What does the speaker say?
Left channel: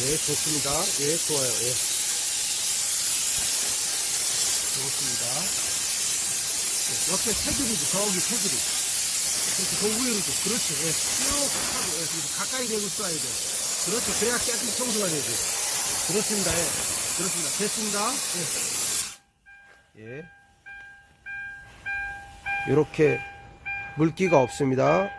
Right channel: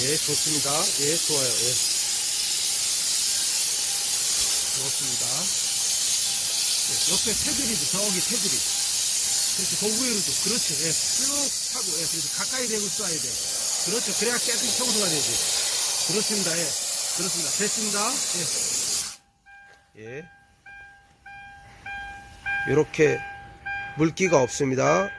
예, 좋습니다. 예, 좋아요. 예. 좋습니다. 예, 옆에 테두리도, 저기 테두리. 이렇게 도구열이도. 그렇지. 예, 쭉 하고, 예, 그래서 가까이 대고 쏴야 돼. 그렇죠. 그래야 깨끗이 청소가 되지. 그렇습니다. 예. 그렇습니다. 됐습니다. 예. 예. 이렇게 물기가 없습니다.